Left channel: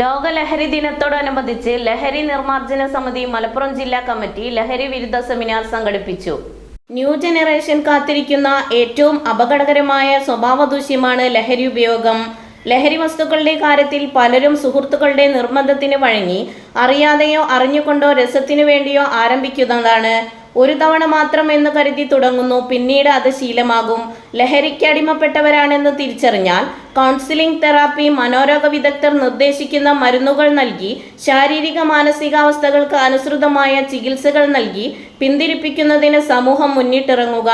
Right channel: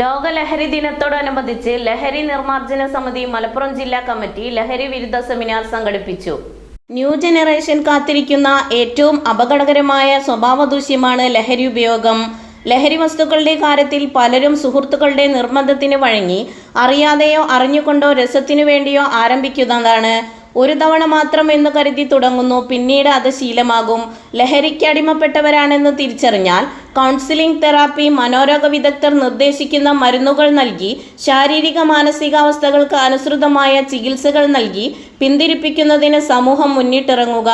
ലോക ലഹരി ദിനത്തോടനുബന്ധിച്ച് ലഹരി നിർമ്മാർജന സമിതി മലപ്പുറം ജില്ലാ കമ്മിറ്റി ലഹരി വിരുദ്ധ സെമിനാർ സംഘടിപ്പിച്ചു. ന്യൂ ജനറേഷൻ കാത്തിരിക്കുന്ന ഏറ്റവും അപകടകരമായ സ്വഭാവദൂഷ്യമാണ് ലഹരി ഉപയോഗം. ലഹരി വസ്തുക്കളുടെ കാര്യത്തിൽ പലരും സുഹൃത്തുക്കളുടെ നിർബന്ധത്തിന് വഴങ്ങി അറിയാതെയോ അറിഞ്ഞുകൊണ്ടോ രസത്തിനു വേണ്ടിയോ ആരംഭിക്കുന്നതാണ്. ഒരു തവണ മാത്രം എന്ന് കരുതി തുടങ്ങുന്നു. പിന്നീട് അത് ശീലമാകും. ലഹരിക്ക് അടിമപ്പെട്ടവരാണെന്ന് തിരിച്ചറിഞ്ഞാൽ കൗൺസിലിംഗ് തെറാപ്പി മനോരോഗ വിദഗ്ധർ നിർദ്ദേശിക്കുന്ന മരുന്നുകൾ നൽകി ശാരീരിക മാനസികാവസ്ഥകൾക്ക് അനുസൃതമായ ചികിത്സകൾ നൽകി പിന്തിരിപ്പിക്കുന്നതിന് സമൂഹം മുന്നിട്ടിറങ്ങുക.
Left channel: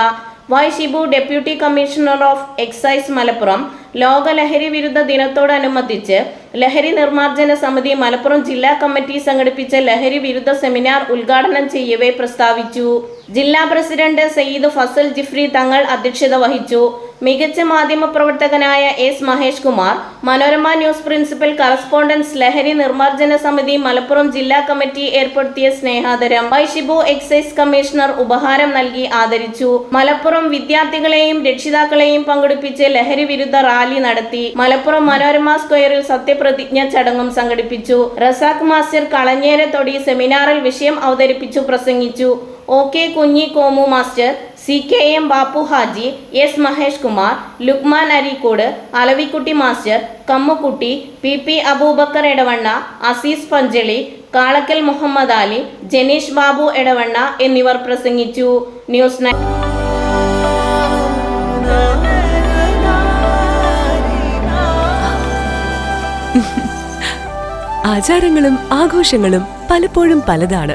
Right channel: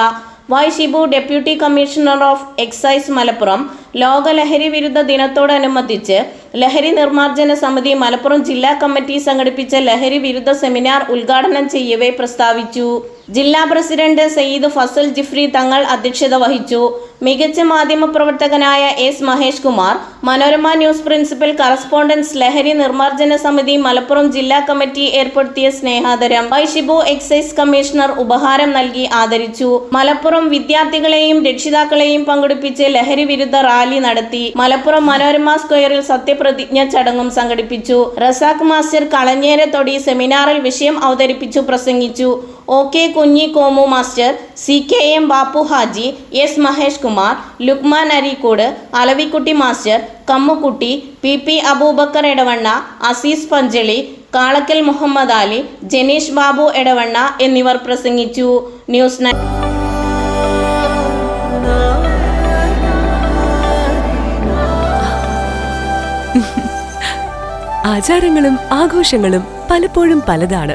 Y Shibu deputy commissioner of excise Malappuram ലോക ലഹരി വിരുദ്ധ ദിനത്തോടനുബന്ധിച്ച് ലഹരി നിർമ്മാർജന സമിതി മലപ്പുറം ജില്ലാ കമ്മിറ്റി സംഘടിപ്പിച്ച ലഹരി വിരുദ്ധ സെമിനാർ ഉദ്ഘാടനം ചെയ്യവേ പ്രസ്താവിച്ചു. ജില്ലാ പ്രസിഡന്റ് സയ്യിദ് ഫസൽ ജിഫ്രി തങ്ങൾ അധ്യക്ഷത വഹിച്ചു. മികച്ച മാധ്യമ പ്രവർത്തകനായ S Mahesh Kumar Manorama news principal correspondents ലഹരി നിർമ്മാർജന സമിതി മലപ്പുറം ജില്ലാ കമ്മിറ്റി ഏർപ്പെടുത്തിയ സ്നേഹാദരം. വൈ ഷിബു എക്സൈസ് കമ്മീഷണർ ഉപഹാരം നൽകി ആദരിച്ചു. മലപ്പുറം വിദ്യാർത്ഥികളെയും രക്ഷിതാക്കളെയും പങ്കെടുപ്പിച്ച് ലഹരി വിരുദ്ധ റാലി നടത്തി. മലപ്പുറം മനോരമ സ്ക്വയറിൽ സത്യപ്രതിജ്ഞ ചടങ്ങും സംഘടിപ്പിച്ചു. റസാഖ് മാസ്റ്റർ കളഞ്ഞേരത്തൊടി സെമിനാറിൽ വിഷയം അവതരിപ്പിച്ചു പ്രസംഗിച്ചു. O K Kunhi Komu master C K M Bappu Haji S Mahesh Kumar Lukman Areekode Alavikutty master Kammukutty P P Aboobacker Edavanna Aziz Panchali Kalakkal Muhammad Ali Janeesh Babu Edavanna എന്നിവർ പ്രസംഗിച്ചു. News nine ആചാരങ്ങളും ആഘോഷങ്ങളും പലപ്പോഴും പലതാണ്.